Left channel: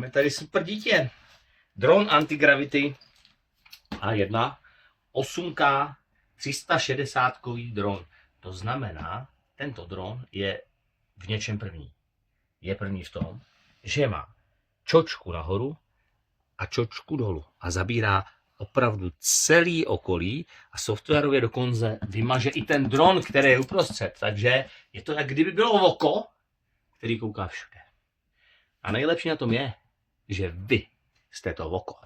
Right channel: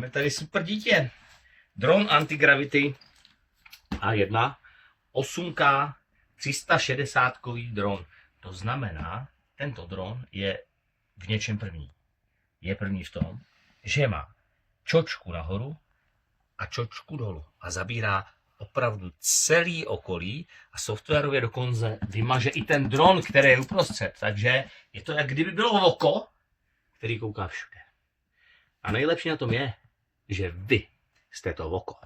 Máme tady super dítě. Dron Antigravity A1 8K 360-kový dron. To znamená, tento dron je v něčem první. Je první v tom, že má čočku nahoru a čočku dolů a zabírá opravdu celý okolí a softwarově dokonce vymaže i ten dron, který je uprostřed. Takže je to, jak kdyby bylo oko, který kouká všude. A nejlepší na tom je, že vy jste to oko.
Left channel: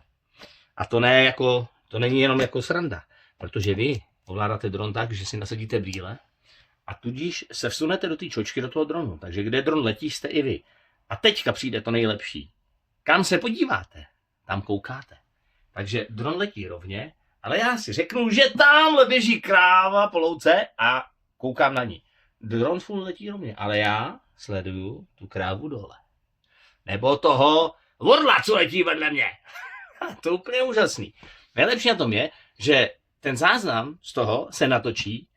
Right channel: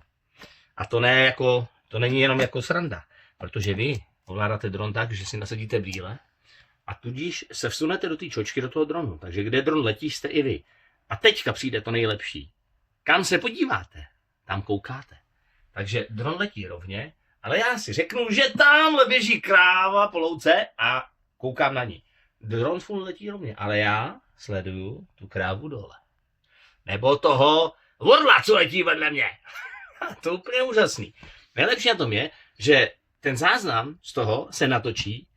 A to není jenom jako sranda, protože vy ovládáte dron tak, že si nasadíte brýle a tudíž se vsunete do té čočky, do toho dronu. Takže kde dron letí, jste i vy. A teďka přijde to nejlepší. Kam se podíváte, tam koukáte. Takže dron letí rovně, ale já si řeknu, že tamhle běží kráva po louce a koukám na ní. Dron furt letí rovně, ale já sleduju tu krávu dole. Nebo toho orla, co letí vedle mě. To je úplně úžasný. Nejlepší na tom je, že ten záznam z toho se natočí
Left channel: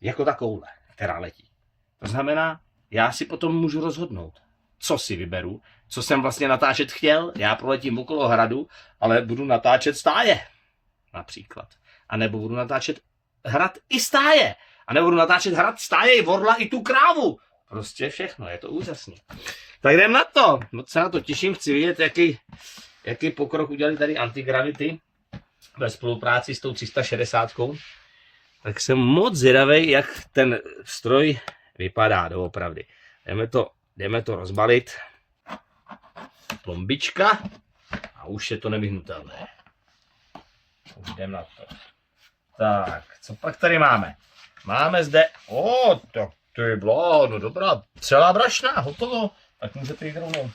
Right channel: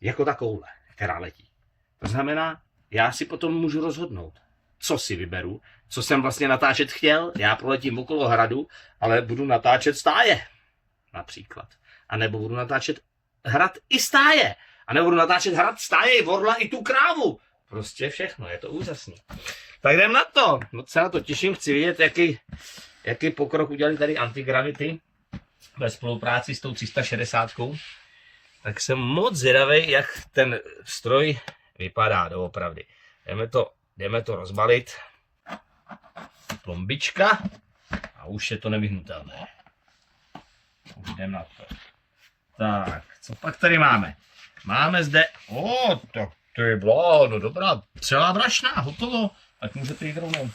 jako ta koule, která letí. To znamená, já si potom můžu rozhodnout, co si vyberu, co jsem vlastně natáčet chtěl. Já proletím okolo hradu, ale budu natáčet stáje. Například. A nebo budu natáčet hrad i stáje. A nebo budu natáčet hrad, stáje, i orla, i tu krávu. Prostě všechno, je to úžasný. Tak jdem na to. Moc se na to těším, chci vidět, jaký pokrok udělali tady Antigravity ve spolupráci s tou 360. Tak jsem moc zvědavý, jak ten stroj vypadá doopravdy. Jdeme to rozbalit. Plombička a už je to nevyhnutelné. Už jdeme na to. Tak, co pak tady máme? Máme zde, tak to je no dobrá, celá brašna, hotovo. Tak můžete jít rovnou.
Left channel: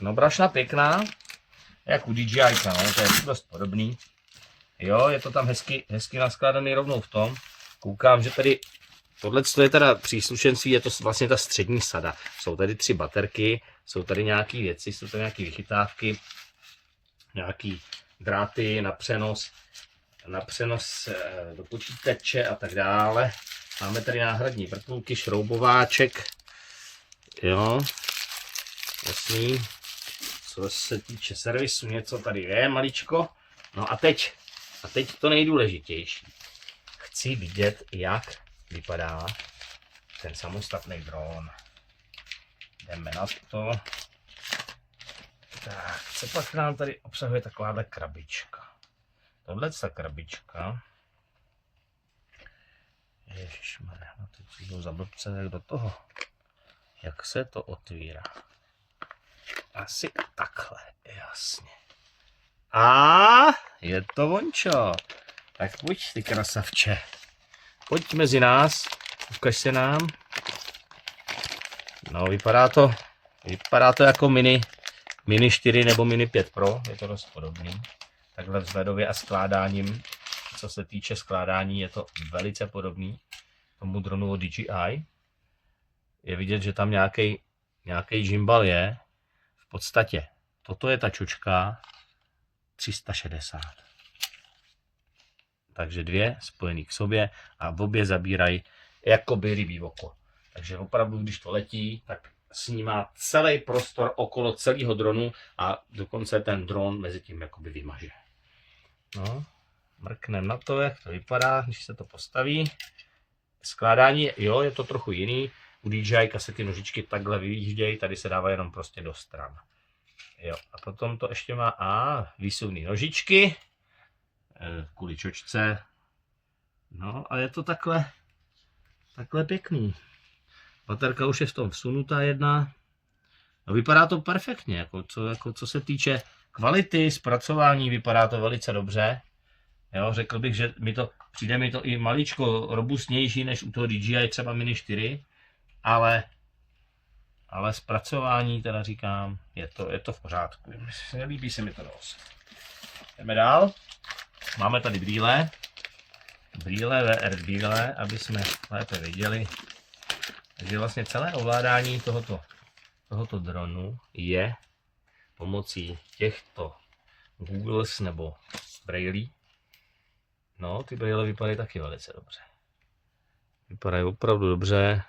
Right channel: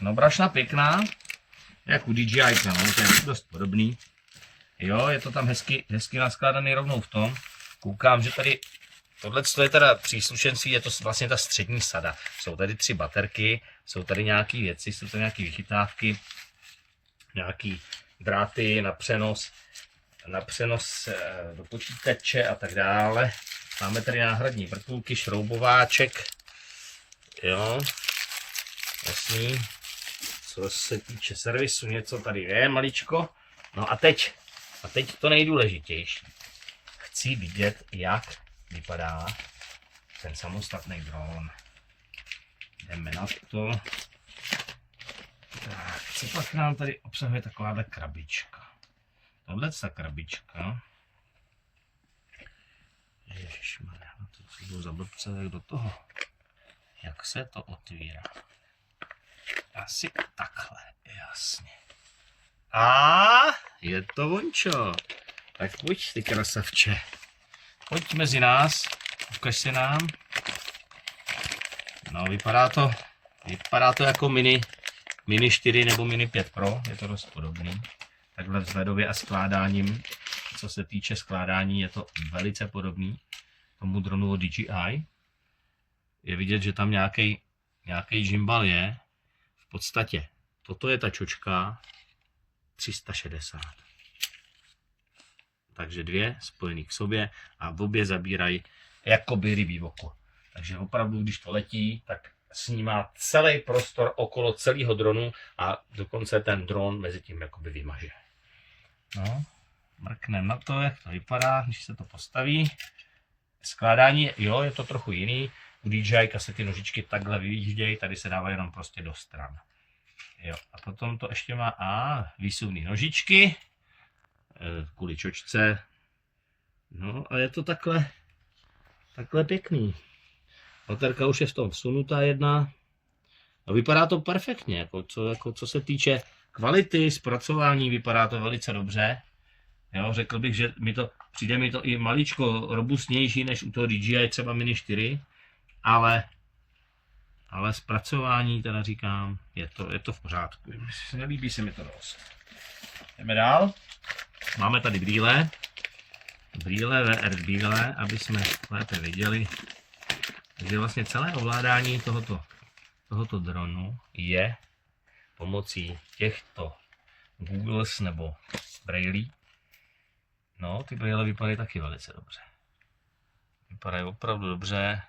No brašna pěkná, jak u DJI, no, to je dost podobný. Jo, je to tam hezky naskládaný rovnou v tom. Koukám, že tady, tohle je teda příslušenství, je to vlastně ta střední sada. Jsou tady 3 baterky, jsou tady nějaké věci, jsou tady nějaké vychytávky, nějaké dráty na přenos do počítače a tak dále. Máme tady náhradní vrtulky, šroubováček, jo, jasný. Co se týče servisu, něco tady je maličko. No a teď to nejdůležitější. Chci vidět, jak vypadá ten samostatný dron. Jdeme na to. Tak, co pak nám tady obsahuje takováhle krabička. Tohle je ta krabička. Ježišmarja, teď jdu za blbce do toho. Jak se to otvírá? Asi takhle, jasně. A je to vončo. Tak pojď ty krasavče. Pojď mezi nás, ukaž se nám. No, vypadá to jako Mini 4 nebo Mini 5 Pro, je to dost podobný. Takhle vzhledově a skládáním, co se týče skládání, je to velice podobný tomu dronu od DJI. Je vidět, že tam nějaký gimbal je. V podstatě, toto je ta čočka 360. Takže 2 spojený k sobě a v obě zabírají jakoby rybí oko. Takže opravdu, když to letí, tak snímá celý prostor okolo celého dronu a dokonce ten dron mezi tím jakoby vymaže. No, mrkneme na to, jak to vypadá, když se to postaví. Skládání, jo, je to trochu jiný. U DJI se ty nožičky takhle vyjíždějí, tady se dává jenom prostě do stran. Jo, a potom to ještě má výsuvné nožičky kvůli čočce. No a je to takhle pěkný. Baterka už je v tom vsunutá jedna. No, vypadá to perfektně, co se týče kvality zpracování, vypadá to velice dobře. Jo, řekl bych, že přijde mi to i maličko robustnější než u toho DJI třeba Mini 4, ale zpracování teda říkám, je to v pořádku. Nelíbí se mi to dost. Jdeme dál. Máme tady brýle, VR brýle, aby jsme lépe viděli. Takže vlastně celé ovládání tohoto dronu je pomocí těchto Googles nebo brailí. No, ty brýle vypadají taky velice dobře. Vypadají opravdu dobře.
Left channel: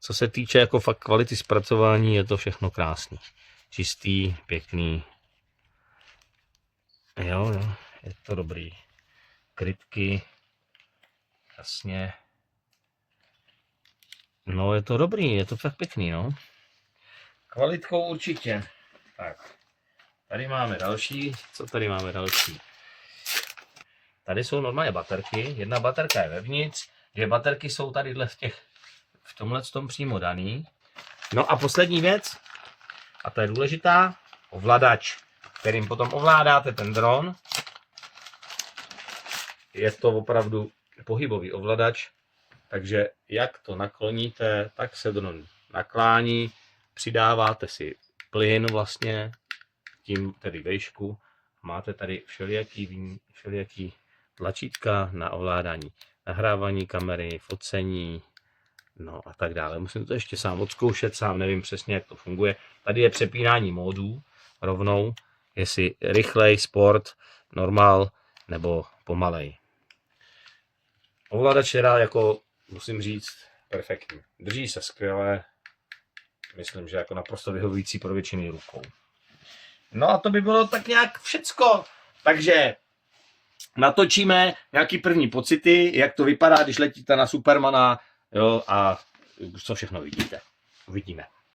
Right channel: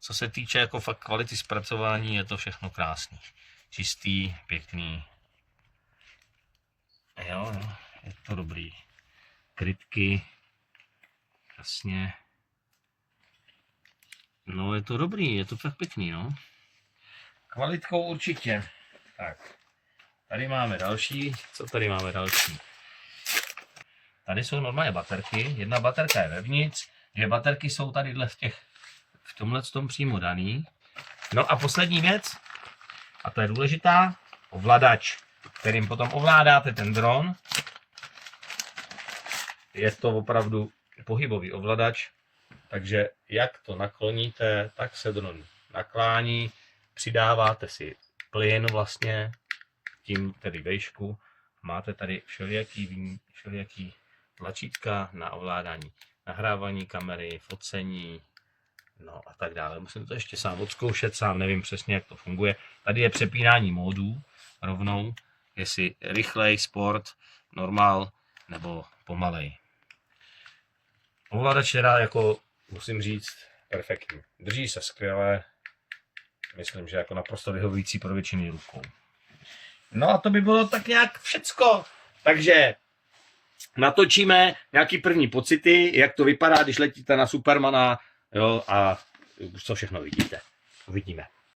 Co se týče jako fakt kvality zpracování, je to všechno krásný. čistý, pěkný. Jo, je to dobrý. Krytky, jasně. No je to dobrý, je to fakt pěkný, no. Kvalitkou určitě. Tak, tady máme další. Co tady máme další? Tady jsou normálně baterky. Jedna baterka je vevnitř, dvě baterky jsou tady v tomhle tom přímo daný. No a poslední věc, a to je důležitá, ovladač, kterým potom ovládáte ten dron. Je to opravdu pohybový ovladač, takže jak to nakloníte, tak se dron naklání, přidáváte si plyn vlastně, tím tedy vejšku, máte tady všelijaký tlačítka na ovládání nahrávání kamery, focení, no a tak dále. Musím to ještě sám odzkoušet, sám nevím přesně, jak to funguje. Tady je přepínání módů rovnou, jestli rychlej, sport, normál nebo pomalej. Ovladač je jako, musím říct, perfektní. Drží se skvěle, myslím, že jako naprosto vyhovující pro většinu rukou. No a to by bylo tak nějak všecko. Takže natočíme nějaký první pocity, jak to vypadá, když letíte na Supermana, jo, a co všechno vidíte. Uvidíme.